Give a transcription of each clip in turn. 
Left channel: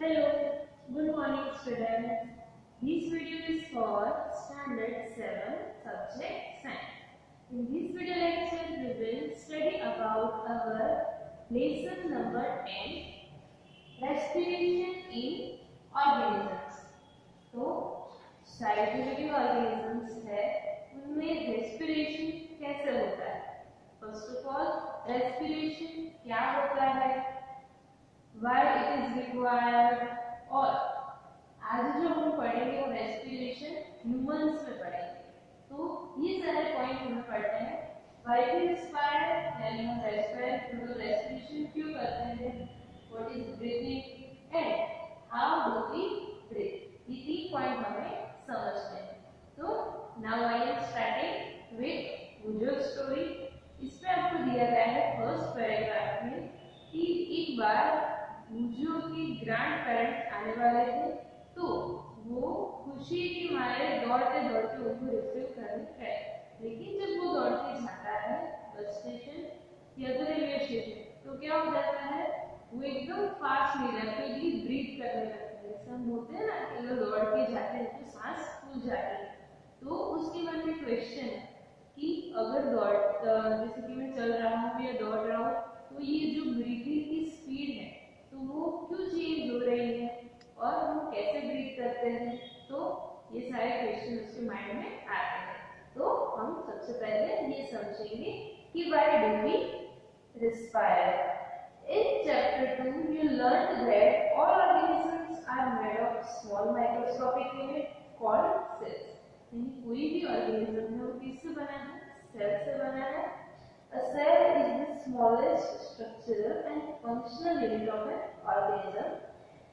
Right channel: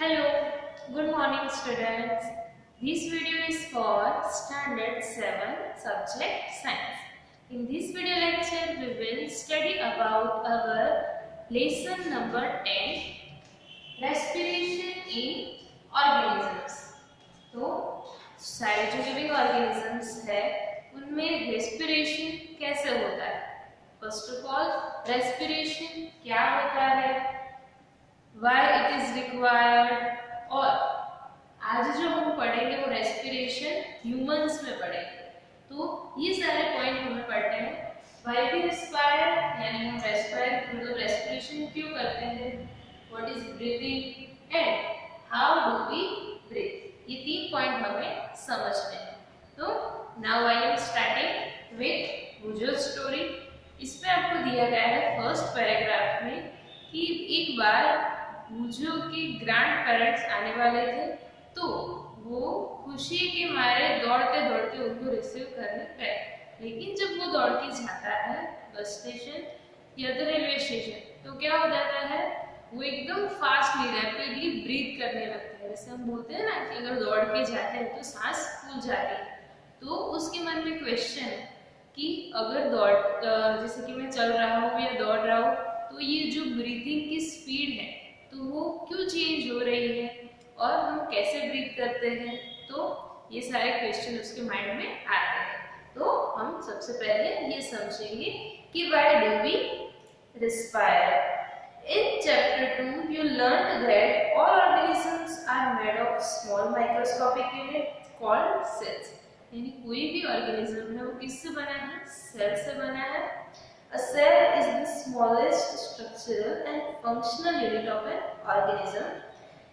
Hello, good morning students. This video is for Standard 7 subject Science. In this video lecture, we will study about our lesson number 10, Respiration in Organisms. तो सारे जो living organisms है उनमें respiration कैसे होता है। First of all respiration क्या होता है, why it is required, और आज जो हम पढ़ेंगे वो रेस्पिरेशन ह्यूमंस में पढ़ेंगे। तो ये सारे पॉइंट हमें पढ़ते हैं। why we respire यानी हम रेस्पायर मतलब रेस्पिरेशन क्यों करते हैं, what is breathing and how do we breathe, ये तीन पॉइंट हमें समझने हैं। तो now I am starting with वुजो स्टोरी। इसमें आपको दिया गया है फर्स्ट पैराग्राफ में कि एक बार वुजो के ग्रैंड पेरेंट्स आने वाले थे, तो वो खुशी के मारे दौड़ते दौड़ते उनको रिसीव करने गए। लेकिन जब वो दौड़ के जाता है बस स्टेशन या तो रेलवे स्टेशन, तो क्या हो जाता है, वो एकदम फास्टली रैपिडली ब्रीथ करने लगता है। जैसे हम बोलते हैं ना कि अगर दौड़ के जाते हैं तो सांस फूल जाती है। तो उसके मन में क्वेश्चन है कि अगर जैसे कि मैं चल रहा हूँ या दौड़ रहा हूँ, तो ये जो ब्रीथिंग की स्पीड है तो वो क्यों चेंज हो रही है और हम कैसे ब्रीथ करते हैं। तो ये सारे क्वेश्चन उसके माइंड में आते हैं। तो हम सबसे पहले ये समझेंगे कि why do we respire. In chapter 2 you learned that all organisms are made of small microscopic unit called cells। यानी कोई भी ऑर्गेनिज्म है वो किससे बना है, सेल से बना है। A cell is the smallest structural and functional unit of an organism.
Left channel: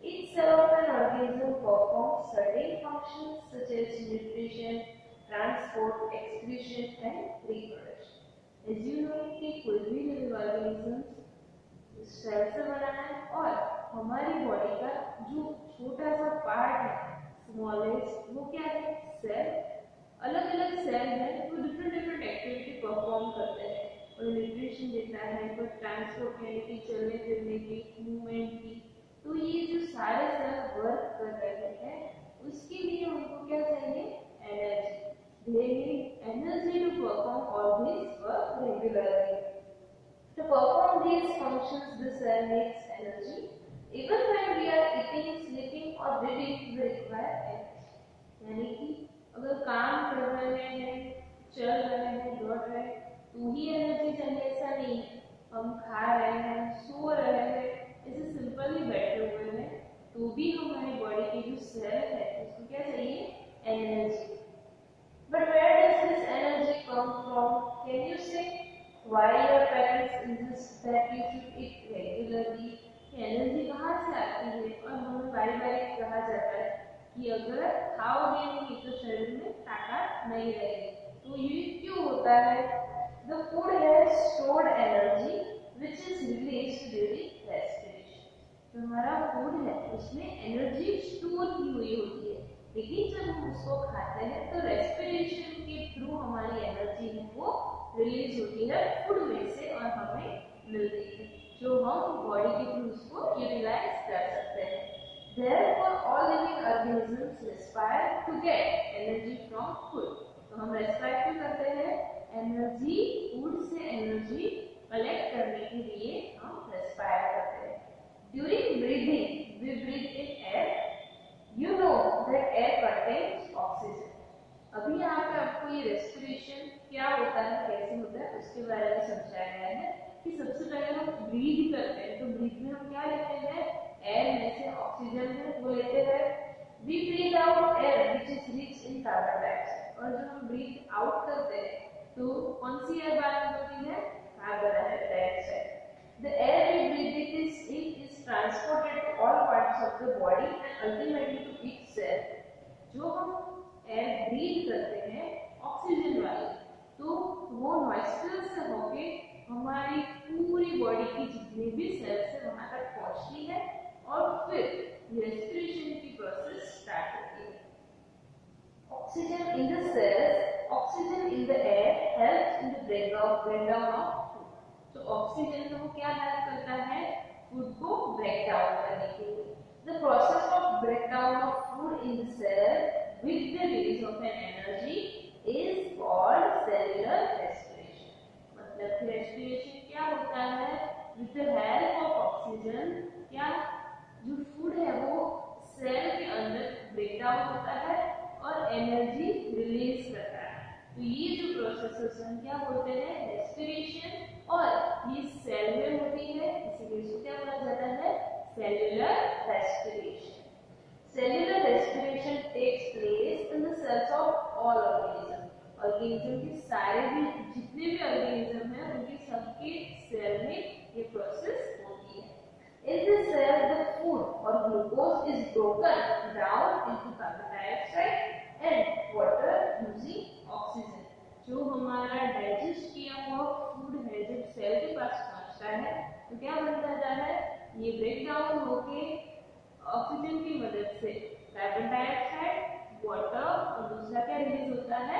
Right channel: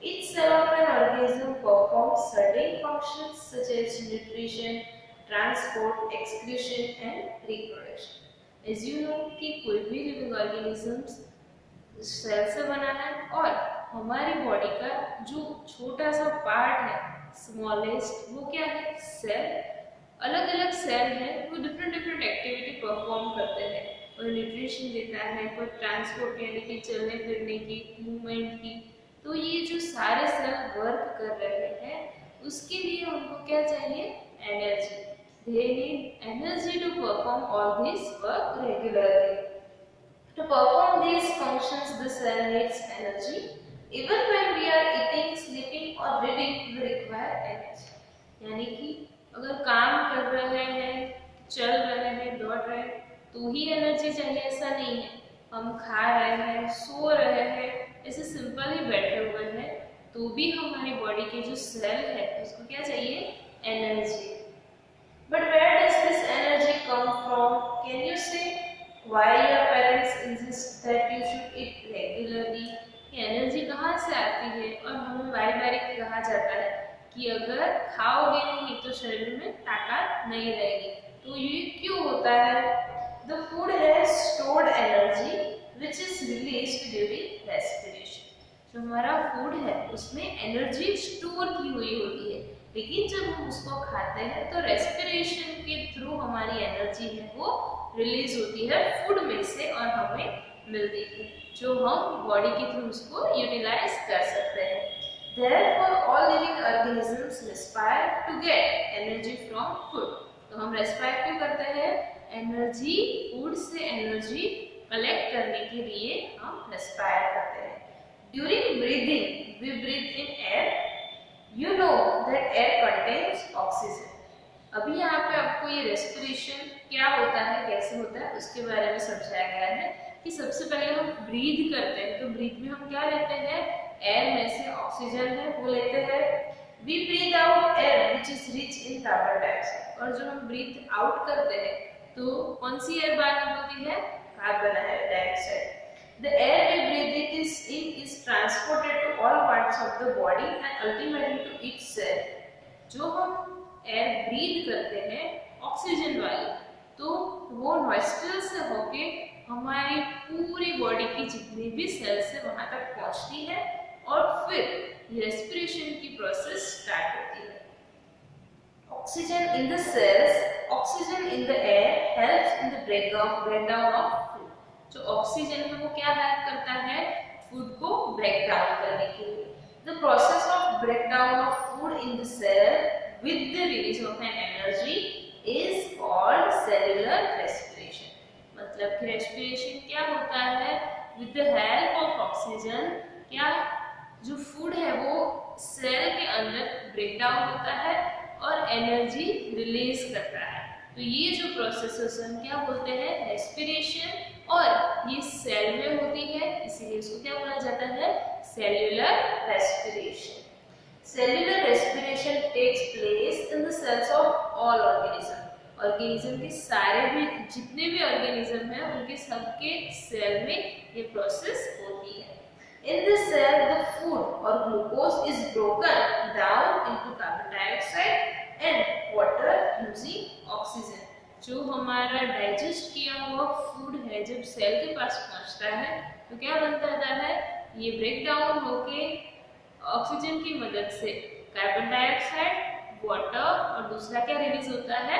Each cell of an organism performs certain functions such as nutrition, transport, excretion and reproduction. As you know कि कोई भी living organisms cell से बना है और हमारी body का जो छोटा सा पार्ट है स्मॉलेस्ट, वो क्या है, सेल। अलग अलग सेल हैं, वो डिफरेंट डिफरेंट एक्टिविटी परफॉर्म करते हैं। कोई न्यूट्रिशन देता है, कोई ट्रांसपोर्ट यानी कि चलने फिरने की, मूवमेंट की। तो ये जो सारे सेल वर्क कर रहे हैं उसके लिए उनको क्या चाहिए, energy. They need energy to perform all this work regularly. To perform these functions, the cell needs energy. Even when we are eating, sleeping or breathing, we require energy. यानी कि अगर काम कर रहे हैं, चल रहे हैं, दौड़ रहे हैं, तो ही एनर्जी चाहिए ऐसा नहीं है। हम खा रहे हैं, सो रहे हैं, ऐसे सिंपल ही बैठे हुए हैं, तो भी हमारी बॉडी के जो सेल है उसको क्या चाहिए, energy. But where does this energy come from? Can you say why your parents insist that you should eat regularly? ये एनर्जी कहाँ से आती है? और हमें बारी बारी कहा जाता है कि अगर खाओगे नहीं तो शरीर में ताकत नहीं रहेगी। तो ये क्यों होता है? The food has stored energy which is released during respiration. जो हमारा फूड है उसमें एनर्जी स्टोर की हुई होती है, लेकिन जब हम उसको खाते हैं तो रेस्पिरेशन के थ्रू हमारी एनर्जी है वो रिलीज होती है फूड में से और हमें मिलती है, जो हम बॉडी के थ्रू उसको यूटिलाइज कर सकते हैं। Therefore, all living organisms respire to get energy from food. तो हम रेस्पायर क्यों करते हैं, एनर्जी, फूड से एनर्जी कलेक्ट करने के लिए हम रेस्पायर करते हैं। During breathing, we breathe in air. You know that air contains oxygen. अभी यहाँ पे आपको ये रेस्पिरेशन क्या होता है, कैसे होता है, उसके बारे में समझाया गया है कि सबसे पहले हम ब्रीथ करते हैं, तो ब्रीथ में हम क्या लेते हैं, एयर में से ऑक्सीजन है वो लेते हैं। We breathe out air which is rich in carbon dioxide. और जब हम ब्रीथ आउट करते हैं तो कौन सी एयर बाहर निकलती है, carbon dioxide. The air we breathe is transported to all parts of the body and ultimately to each cell. जो हम एयर ब्रीथ करते हैं ऑक्सीजन वाली, तो वो नॉस्ट्रल से होके हमारी पूरी बॉडी की जितनी भी सेल्स है वहां तक पहुंचती है और फिर रेस्पिरेशन की प्रोसेस स्टार्ट होती है। Oxygen in the cells, oxygen in the air helps in the breakdown of food. जो ऑक्सीजन है वो क्या हेल्प करता है, फूड को ब्रेक डाउन करने के लिए। The process of breakdown of food in the cell with the release of an energy is called cellular respiration. मतलब कि respiration क्या होता है? With the help of oxygen, क्या जो फूड है वो सेल के अंदर ब्रेक डाउन होता है और एनर्जी रिलीज करता है। तो ये जो प्रोसेस हम क्या बोलते हैं? रेस्पिरेशन। और ये सेल में होती है, इसीलिए इसको क्या बोला जाता है? Cellular respiration. Cellular respiration takes place in the cells of all organism. Organism के सारे भी जितने भी ऑर्गेनिज्म हैं उनके सबके सेल में ये प्रोसेस होती है। In this cell, the food or glucose is broken down into carbon dioxide and water using oxygen. जो हमारा डाइजेस्ट किया हुआ फूड है जब सेल के पास पहुंचता है तो क्या बनता है? ये ब्रेक डाउन होके ऑक्सीजन की मदद से कार्बन डाइऑक्साइड, वाटर और दूसरा क्या रिलीज होता है?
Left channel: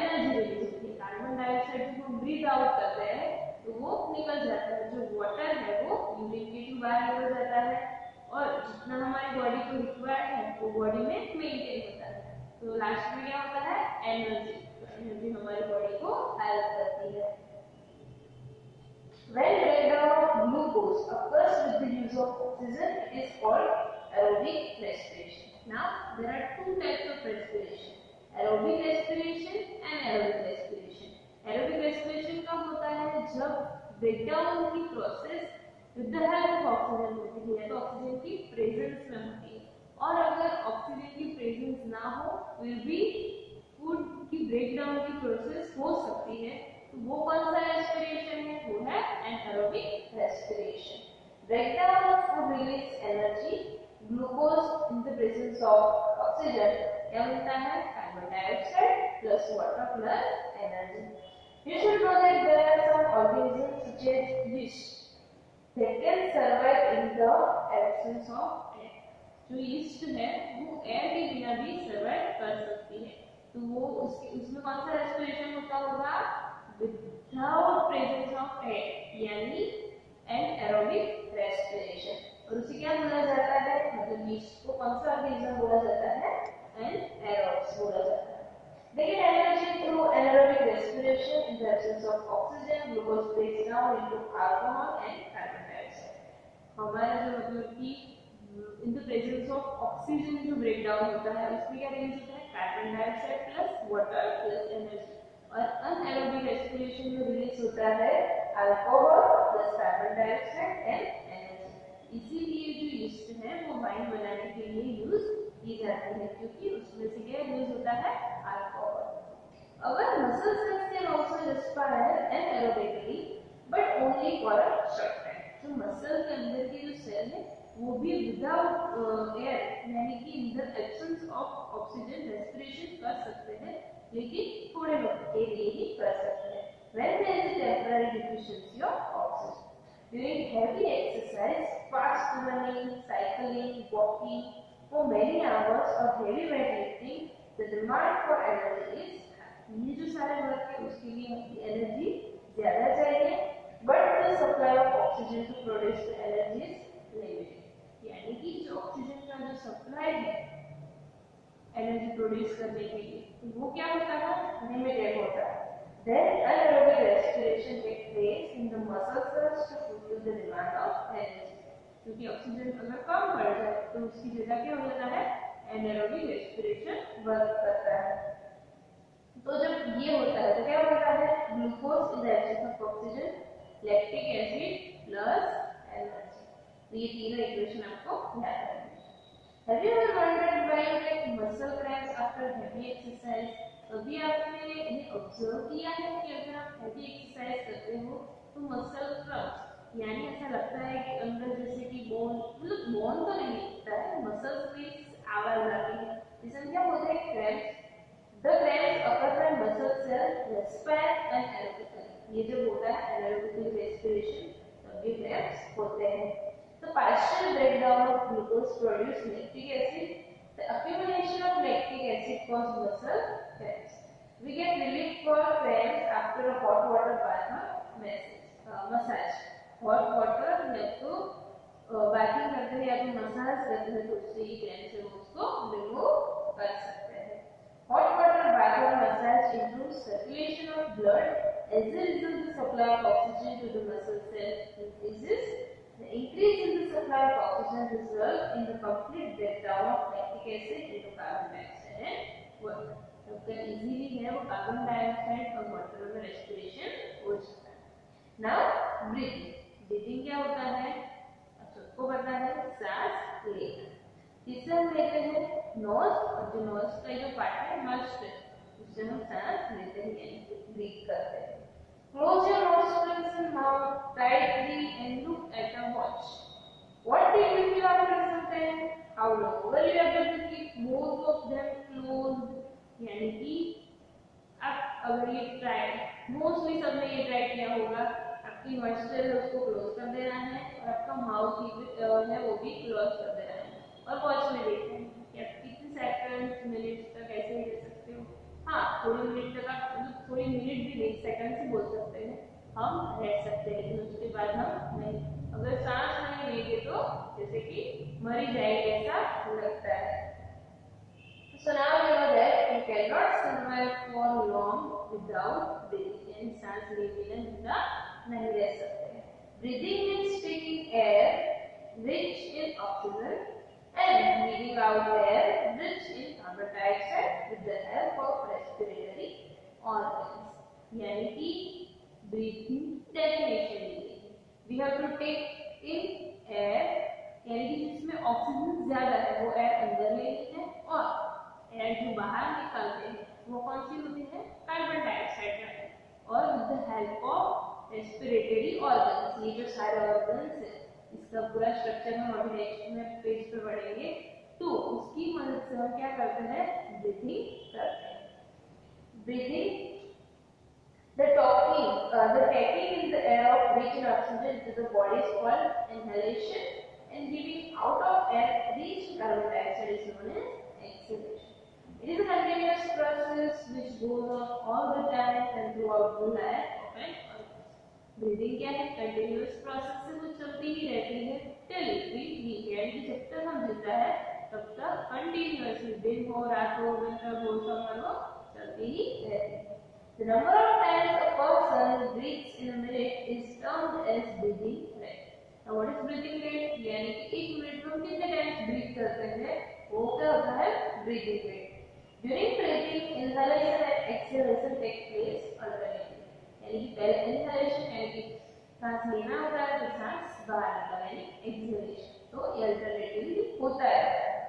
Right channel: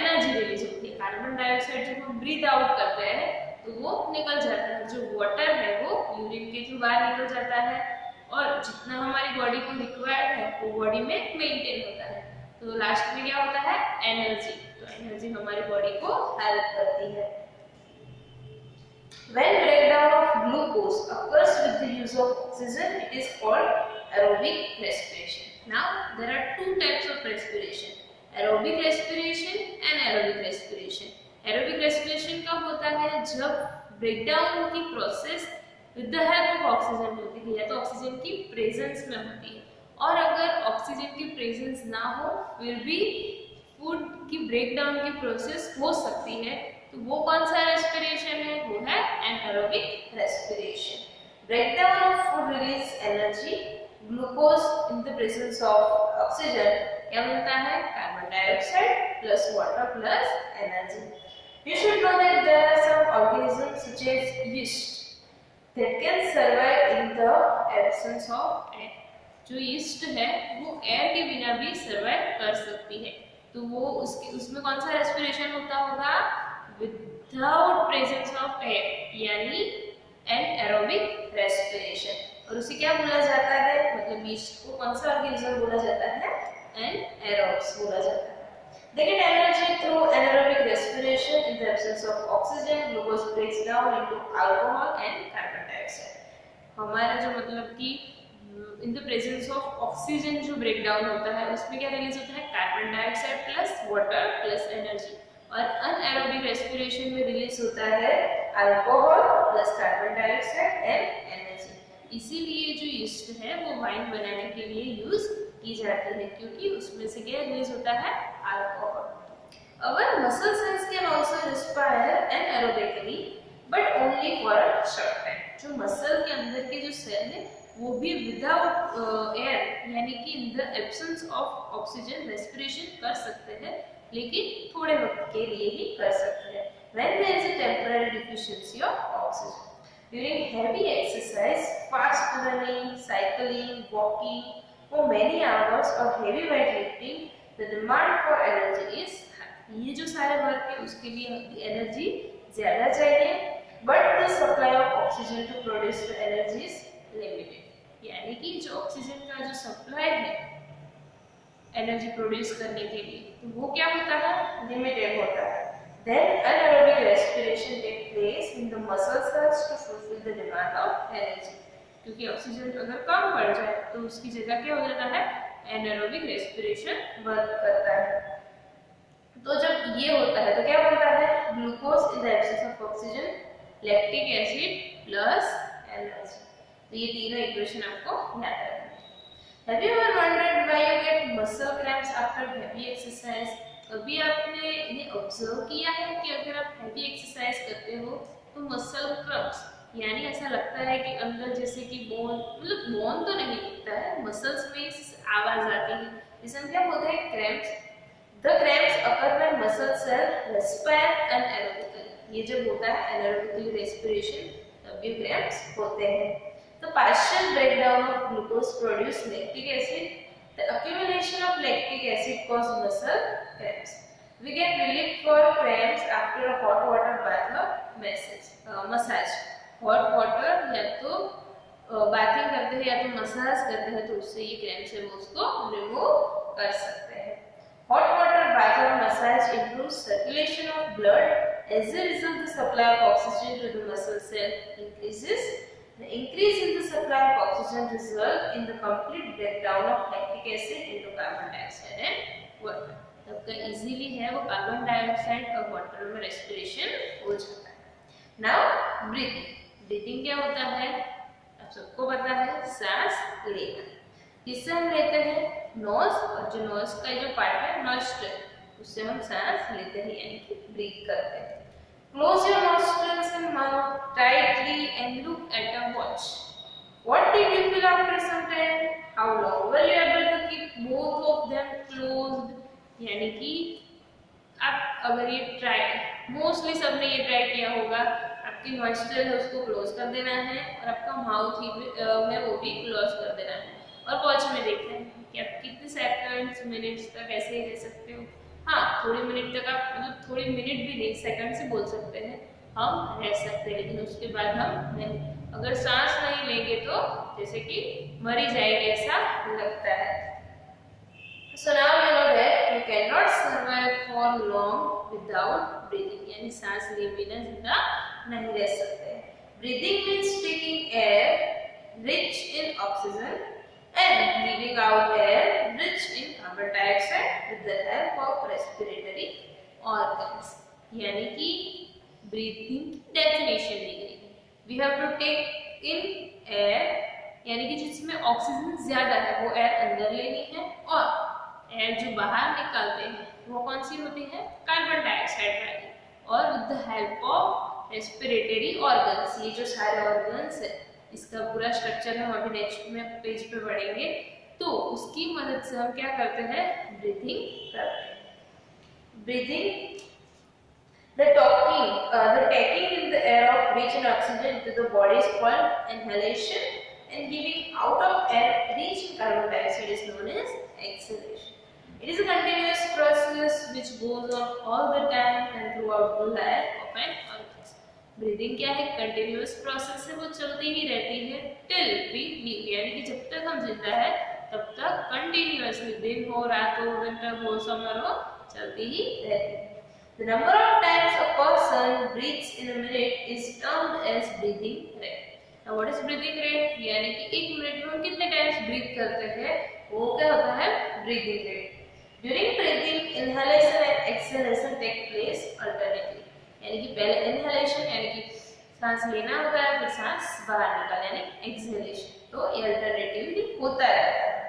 एनर्जी रिलीज होती है। कार्बन डाइऑक्साइड जब हम ब्रीथ आउट करते हैं तो वो निकल जाता है, जो वाटर है वो यूरिन के थ्रू बाहर निकल जाता है और जितना हमारी बॉडी को रिक्वायर्ड है वो बॉडी में मेंटेन होता है। तो लास्ट में क्या होता है? एनर्जी। तो एनर्जी हमारी बॉडी को हेल्प करती है। When breakdown of glucose occurs with the use of oxygen, it is called aerobic respiration. Now there are two types of respiration: aerobic respiration and aerobic respiration. Aerobic respiration कब होता है? जब breakdown की process with the help of oxygen होती है या तो oxygen की प्रेजेंस में होती है। और अगर ऑक्सीजन की प्रेजेंस ना हो फिर भी फूड की ब्रेकडाउन की प्रोसेस हो सकती है, तो वो कौन सा रेस्पिरेशन है? वो है anaerobic respiration. Breakdown of food release energy, glucose in the presence of oxygen क्या मिलता है? Carbon dioxide plus water plus energy. You should know that there are some organisms such as yeast that can survive in the absence of air. जो yeast है वो air के बिना भी survive कर सकती है। तो वो उसमें कौन सा रेस्पिरेशन होता होगा? विदाउट प्रेजेंस ऑफ एयर, यानी एनारोबिक रेस्पिरेशन। और उसे क्या बोला जाता है? मतलब yeast को कौन सा ऑर्गेनिज्म बोला जाता है? एनारोब्स बोला जाता है। They get energy through anaerobic respiration. In the absence of oxygen, glucose breaks down into alcohol and carbon dioxide. हमारा जो मतलब कि in the presence of oxygen जो break down होता है उसमें क्या रिलीज होता है? Carbon dioxide plus water plus energy. और अनएरोबिक रेस्पिरेशन में रिलीज होता है alcohol plus carbon dioxide and energy. इसीलिए जो यीस्ट है वो वाइन बनाने के लिए यूज की जाती है क्योंकि उसमें से क्या रिलीज होता है? Alcohol. Our muscle cells can also respire anaerobically, but only for a short time. जो मसल के अंदर के जो सेल है वो भी विदाउट एयर यानी कि in the absence of oxygen respiration कर सकते हैं, लेकिन थोड़े वक्त के लिए ही कर सकते हैं। When there is a temporary deficiency of oxygen. During heavy exercise, fast running, cycling, walking, for many hours or heavy weightlifting, the demand for energy is high. ये जो सारे वर्क है उसके लिए एनर्जी ज्यादा चाहिए, but the supply of oxygen to produce the energy is limited. यानी कि जो ऑक्सीजन का जो सप्लाई है एनर्जी प्रोड्यूस करने के लिए तो वो क्या होता है? लिमिटेड होता है। Then anaerobic respiration takes place in the muscle cells to fulfill the demand of energy. क्योंकि ऑक्सीजन अगर कम पड़ जाए तो उसकी जगह क्या हो जाता है? एनारोबिक रेस्पिरेशन वर्क करता है। तो जब ये होता है तो क्या बनता है? Glucose in the absence of oxygen, lactic acid plus energy. तो ये तीनों इक्वेशन आपको याद रखना है। Have you ever wondered why you get muscle cramps after heavy exercise? कभी आपने ये ऑब्जर्व किया है कि अगर आप हेवी एक्सरसाइज करते हो तो मसल क्रम्प्स यानी ऐसा लगता है कि अंदर जैसे कि बोन, मतलब बोन तो नहीं दिखता है, मसल्स में आवाज आती है, जिसे क्या बोलते हैं? Cramps. The cramps occur when muscle cell respire anaerobically. ये जब होता है एनारोबिकली रेस्पिरेशन तब ये क्रैम्प्स होते हैं। The partial breakdown of glucose produce lactic acid. The accumulation of lactic acid causes muscle cramps. We get relief for cramps after a hot water bath or massage. Hot water या तो bathing करते हैं या तो massage करते हैं तो उससे ये क्रैम्प्स है वो उसको रिमूव कर सकते हैं। हॉट वाटर बाथ और massage improves circulation of blood. As a result, the supply of oxygen to the muscle cell increases. The increase in the supply of oxygen results in the complete breakdown of lactic acid into carbon dioxide and water. आपका easily है वो carbon dioxide और water में respiration हो जाता है। Now breathing. Breathing क्या होता है आप सबको पता है, सांस लेना। किससे हम लेते हैं? नोज, और जो नोज का जो पार्ट है नॉस्ट्रिल, उससे हम सांस लेते हैं यानी कि ब्रीथ करते हैं। Close your nostrils and mouth tightly and look at a watch. What did you feel after some time? How long were you able to keep both of them closed? यानी कि आप अगर ये ट्राई, मोस्टली सबने ये try किया होगा, आपकी नॉस्ट्रिल है उसको क्लोज कर देना है और आपका माउथ ही है वो भी क्लोज कर देना है और वॉच में देखना है कि आप कितने सेकंड्स मिनट्स तक ऐसे ही रह सकते हो। हाँ, थोड़े मिनट तक आप मतलब थोड़े मिनट भी नहीं, सेकंड से बोल सकते हैं हम रह सकते हैं, लेकिन उसके बाद हम नहीं। अगर सांस नहीं लेंगे तो जैसे कि मर ही जाएंगे ऐसा लगता है। So now you know that you cannot survive for long without breathing, यानी सांस लिए बिना जिंदा नहीं रह सकते। Breathing means taking air rich in oxygen and leaving out air rich in carbon dioxide with the help of respiratory organs. यानी कि breathing की definition दी गई है। We have to take in air, यानी कि जिसमें ऑक्सीजन ज्यादा है वो एयर अंदर लेनी है और एयर जो बाहर निकालते हैं वो कौन सी होती है? कार्बन डाइऑक्साइड वाली। और with the help of respiratory organs, ये जो सारे ऑर्गन्स है इसका पूरा स्ट्रक्चर हम अभी नेक्स्ट में पेज पे पढ़ेंगे, तो उसकी मदद से हम क्या करते हैं? ब्रीथिंग करते हैं। Breathing the taking in the air of rich in oxygen to the body is called inhalation, and giving out of air rich in carbon dioxide is known as exhalation. It is a continuous process which goes on all the time and throughout the life of an organism. Breathing क्या है? Continuous process है, वो चलती ही रहती है till we live, यानी कि जब तक हम जिंदा है तब तक continuously, दिन हो, रात हो, विंटर हो, समर हो, चलती ही रहती है। The number of times a person breathes in a minute is termed as breathing rate. Now what is breathing rate? यानी कि एक मिनट में हम कितने टाइम्स ब्रीथ करते हैं वो क्या होता है? breathing rate. During breathing, inhalation and exhalation take place alternately. यानी कि पहले inhalation यानी कि सांस लेना होता है, फिर सांस बाहर निकालना यानी exhalation, तो ये alternatively होता रहता है।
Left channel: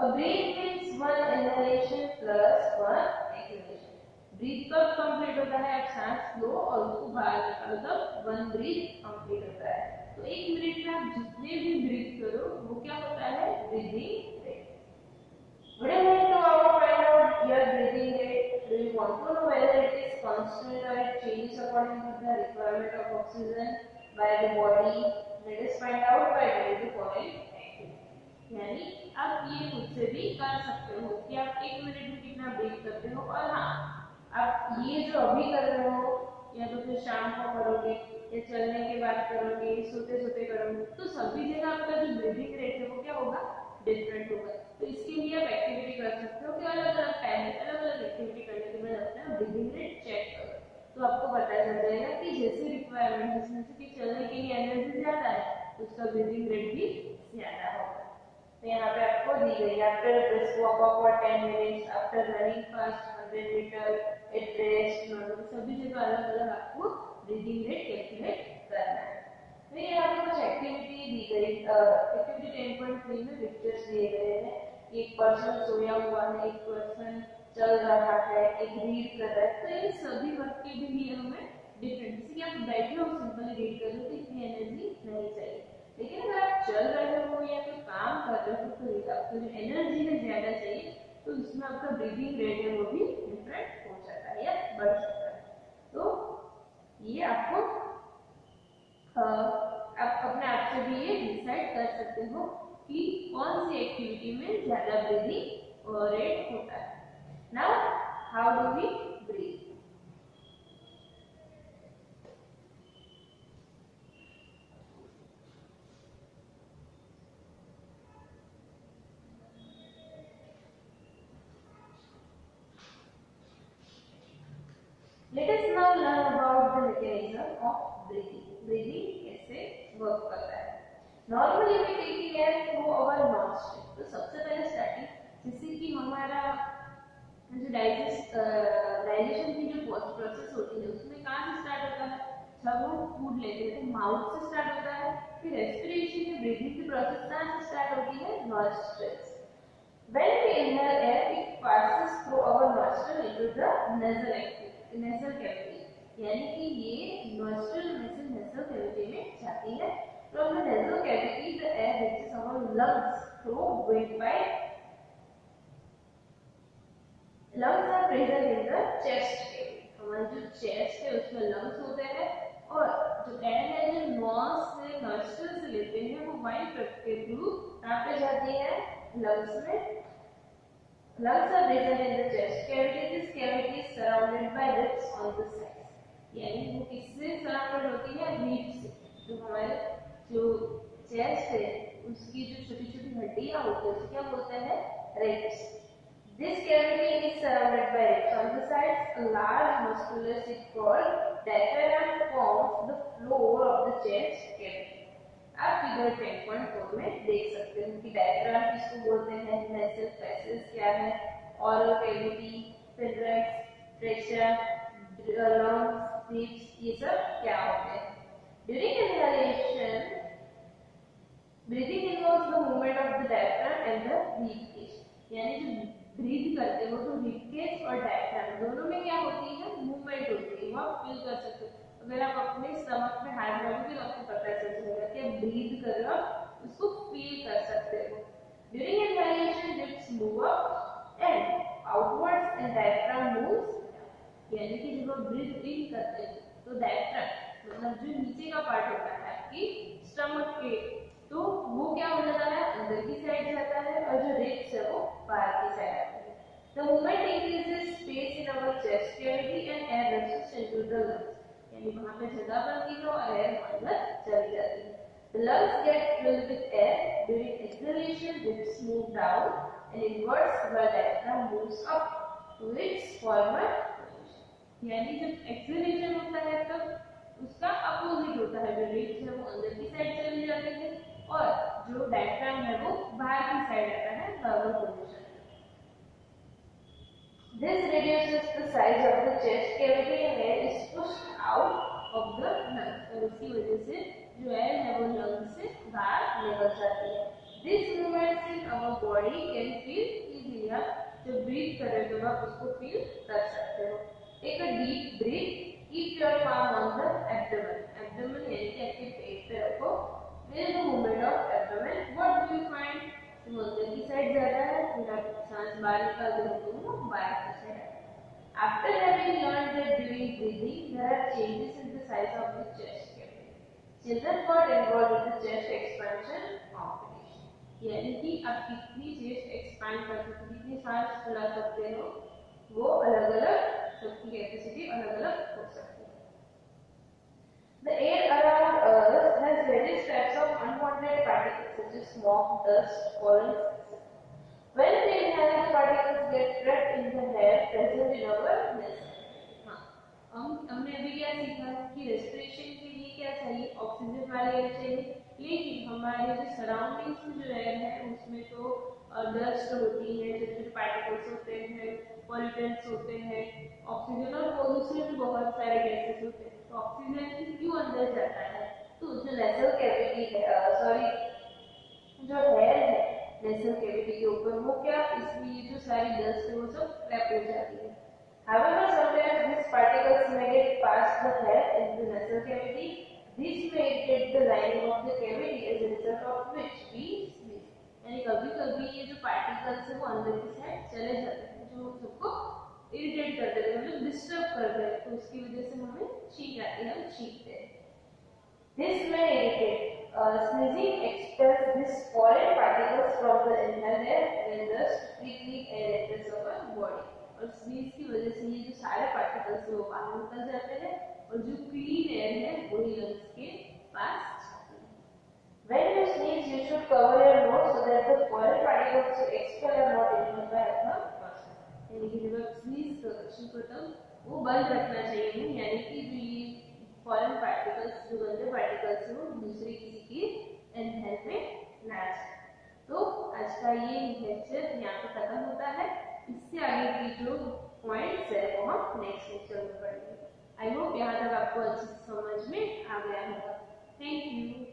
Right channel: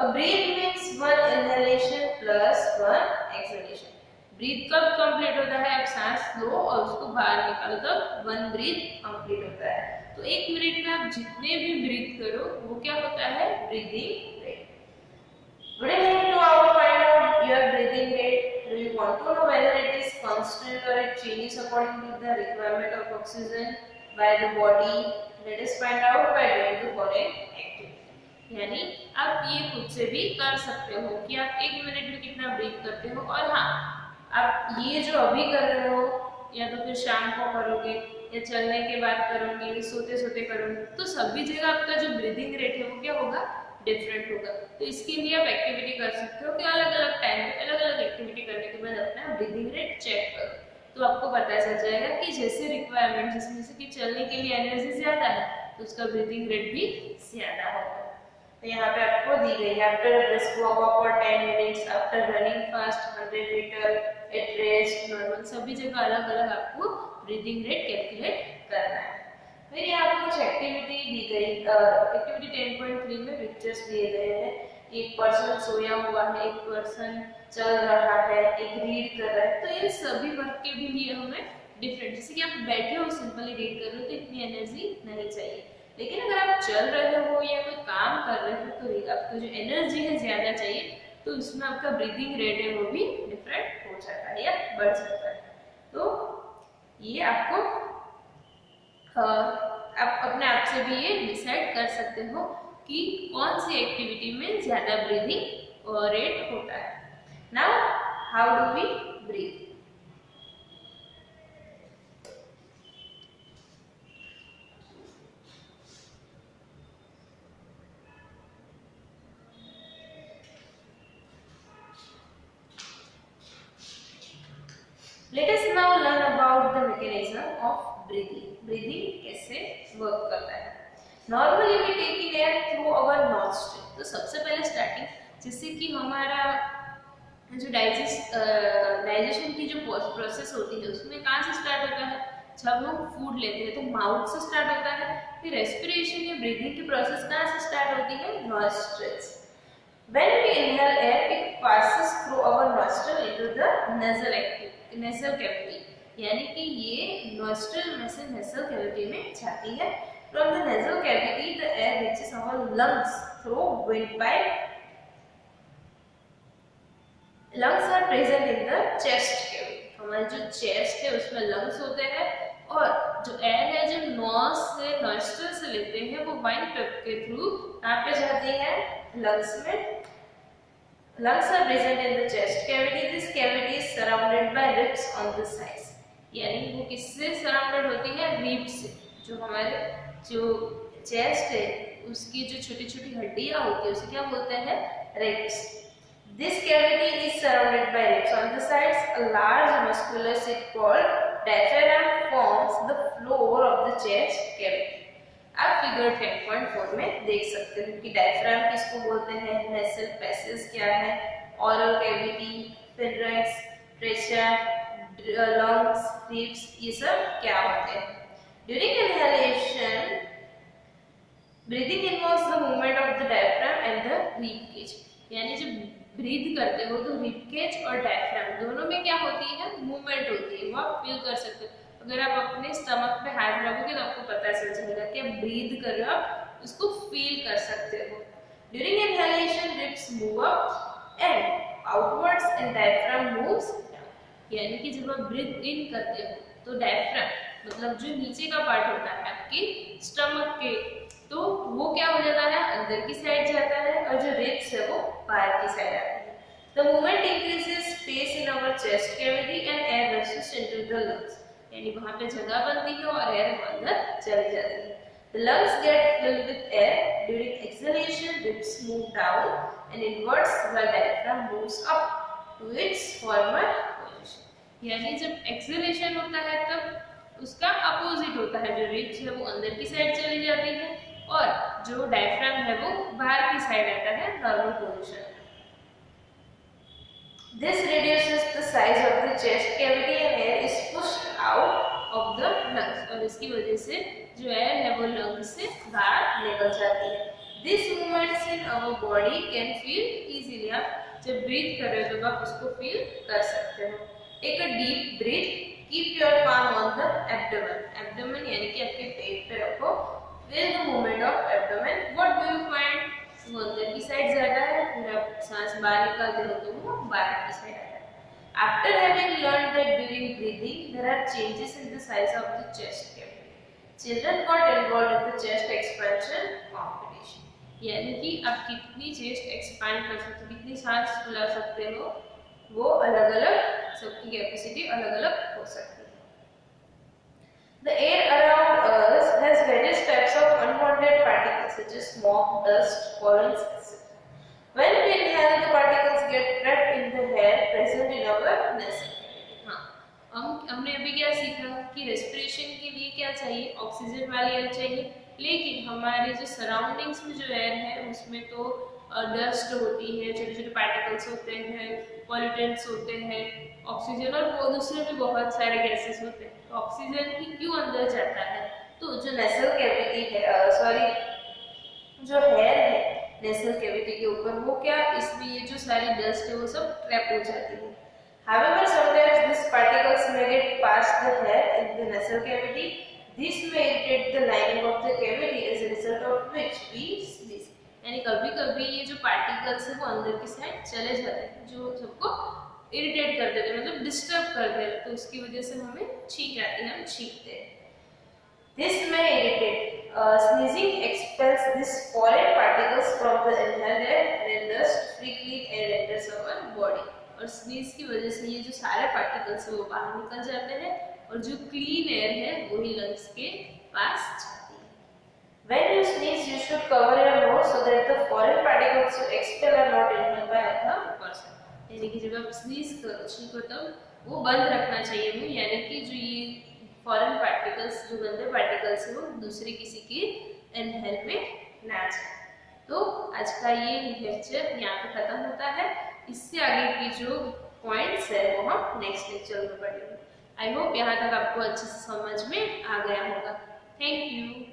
A breath means one inhalation plus one exhalation. Breathe कब कंप्लीट होता है? आप सांस लो और उसको बाहर निकालो तब वन ब्रीथ कंप्लीट होता है। तो एक मिनट में आप जितने भी ब्रीथ करो वो क्या होता है? Breathing rate. Would you like to find out your breathing rate? Do you want to know whether it is constant or it changes according to the requirement of oxygen by the body? Let us find out by doing the following activity. यानी आप ये खुद से भी कर सकते हो कि आप एक मिनट में कितना ब्रीथ करते हो, और हाँ आप ये जो अभी कर रहे हो या तो फिर शाम को करोगे या चलने के बाद करोगे, सोते सोते करोगे, तो सभी जगह आपका जो ब्रीदिंग रेट है वो क्या होगा? डिफरेंट होगा। तो इसके लिए आप एक्टिविटी कर सकते हो कि अलग अलग टाइम में अलग अलग एक्टिविटी करने के बाद अपना ब्रीदिंग रेट चेक करो, तो आपको पता चल जाएगा कि जैसे रिक्वायरमेंट, जिसमें से कि चलने के लिए एनर्जी ज्यादा है तो उसका ब्रीदिंग रेट भी ज्यादा होगा। तो यहाँ पे आपको दी गई है after brisk walk for 10 minutes, after running fast 100 metre, at rest, normal, सभी जगह अलग अलग आपको ब्रीदिंग रेट कैलकुलेट करना है। फिर यहाँ पे कुछ एक्टिविटी दी गई, एक्टिविटी 10.3 में पिक्चर्स दिए गए हैं। एक पर्सन सोया हुआ है, एक पर्सन चल रहा है, एक रीड कर रहा है, तो ये सभी वर्क के भी लिए हमें डिफरेंट, जैसे कि आप बैठे हो सिंपली रीड कर रहे हो तो इतनी एनर्जी नहीं चाहिए, लेकिन अगर आप चल रहे हो या कोई काम कर रहे हो तो आपको जो एनर्जी है ज्यादा चाहिए, तो इसमें आपका ब्रीदिंग रेट है वो भी डिफरेंट हो जाता है या बढ़ जाता है। तो ये आपको आप अपने आप से भी ये डिसाइड कर सकते हो कि कौन सी एक्टिविटी में ज्यादा ब्रीदिंग रेट होता है। Now how do we breathe? Let us now learn about the mechanism of breathing. Breathing कैसे वर्क करता है. Normally we take in air through our nostril. तो सबसे पहले स्टार्टिंग जिससे कि हमारा जो डाइजेशन की जो प्रोसेस होती है उसमें कहाँ से स्टार्ट होता है. जब हम फूड लेते हैं तो माउथ से स्टार्ट होता है. फिर रेस्पिरेशन या ब्रीदिंग की प्रोसेस कहाँ से स्टार्ट होती है. Nostrils. When we inhale air, it passes through our nostril into the nasal cavity. यानी कि ये nostril में से nasal cavity में जाती है. From the nasal cavity, the air reaches our lungs through windpipe. Lungs are present in the chest cavity. हमारे जो chest है उसमें lungs होते हैं और जो air है जो nose से nostril से लेते हैं वो windpipe के through कहाँ पे जाती है. Lungs में. Lungs are present in the chest cavity. This cavity is surrounded by ribs on the sides. यानी वो किससे surrounded होती है. ribs से. जो हमारे जो chest है उसकी जो छोटी-छोटी हड्डियाँ होती है उसे क्या बोलते हैं. ribs. This cavity is surrounded by ribs on the sides. A large muscular seat called diaphragm forms the floor of the chest cavity. आप फिगर 10.4 में देख सकते हो कि डायफ्राम किसको बोलते हैं. नेसल पैसेज क्या है. Oral cavity, pharynx, trachea, lungs, ribs ये सब क्या होते हैं. During inhalation breathing involves the movement of the diaphragm and the rib cage. यानी जब ब्रीथ करते हो तो रिब केज और डायफ्राम दोनों में क्या होती है. मूवमेंट होती है. वो आप फील कर सकते हो. अगर आप अपने स्टमक पे हाथ रखोगे तो आपको पता चल जाएगा कि आप ब्रीथ कर रहे हो. आप उसको फील कर सकते हो. During inhalation ribs move up and outwards and diaphragm moves down. यानी कि जब आप ब्रीथ इन करते हो तो डायफ्राम मतलब जो नीचे का पार्ट होता है आपके स्टमक के तो वो क्या हो जाता है. अंदर की साइड जाता है और जो रिब्स है वो बाहर की साइड आती है. The movement increases space in our chest cavity and air rushes into the lungs. यानी वहाँ पे जगह बनती है और एयर अंदर चली जाती है. The lungs get filled with air. During exhalation, ribs move down and inwards while diaphragm moves up to its former position. यानी जब exhalation होता है तब उसका अपोजिट होता है. जो रिब्स है वो अंदर की साइड चली जाती है और जो डायफ्राम है वो बाहर की साइड आता है normal position. This reduces the size of the chest cavity and air is pushed out of the lungs. और इसकी वजह से जो एयर है वो लंग्स से बाहर निकल जाती है. This movements in our body can feel easily. आप जब ब्रीथ कर रहे हो तो आप उसको फील कर सकते हो. Take a deep breath. Keep your palm on the abdomen. Abdomen यानी कि आपके पेट पे रखो. Feel the movement of abdomen. What do you find? वो अंदर की साइड जाता है. फिर आप सांस बाहर निकालते हो तो वो बाहर की साइड आता है. After having learned that during breathing there are changes in the size of the chest cavity, children got involved in the chest expansion competition. यानी कि आप कितनी चेस्ट एक्सपैंड कर सकते हो, कितनी सांस फुला सकते हो, वो अलग-अलग सबकी कैपेसिटी अलग-अलग हो सकती है. The air around us has various types of unwanted particles such as smoke, dust, pollen, etc. When we inhale, the particles get trapped in the air present in our nasal cavity. हाँ, हमने अभी क्या सीखा कि respiration के लिए क्या चाहिए. ऑक्सीजन वाली एयर चाहिए. लेकिन हमारे जो सराउंडिंग्स में जो एयर है उसमें तो डस्ट होती है, छोटे छोटे पार्टिकल्स होते हैं, पॉल्यूटेंट्स होते हैं, ऑक्सीजन और वो दूसरे भी बहुत सारे गैसेस होते हैं. तो ऑक्सीजन ही क्यों अंदर जाता है. तो जो नेसल कैविटी है जो हेयर है नेसल कैविटी के ऊपर वो क्या इसमें ये जो सारी डस्ट है वो सब ट्रैप हो जाती है. However, sometimes these particles may get past the hair in the nasal cavity. This may irritate the lining of the cavity, as a result of which we sneeze. यानी कभी-कभी ये जो पार्टिकल्स है वो अंदर की साइड चले जाते हैं जो सबको इरिटेट कर देते हैं, मतलब डिस्टर्ब कर देते हैं. तो उसकी वजह से हमें छींक आती है, हम छींकते हैं. This may irritate. Sneezing expels these foreign particles from the inhaled air and thus free clean air enters our body. और स्नीज की वजह से ये जो सारे पार्टिकल्स है वो बाहर निकल जाते हैं और जो क्लीन एयर है वही लंग्स के पास जाती है. When you sneeze, you should cover your nose so that the foreign particles you expel are not inhaled by the person. यानी कि जब आप स्नीज करो छींको तब वो बंद रखना चाहिए मुंह, यानी कि जो ये फॉरेन पार्टिकल्स, जो गंदे पार्टिकल्स है वो दूसरी किसी की इनहेल में ना जाए। तो आज का ये लेक्चर यहाँ पे खत्म होता है। इससे आगे की जो पॉइंट्स है वो हम नेक्स्ट लेक्चर में पढ़ेंगे। आई होप यहाँ तक आपको अच्छे से समझ में आ गया होगा। Thank you.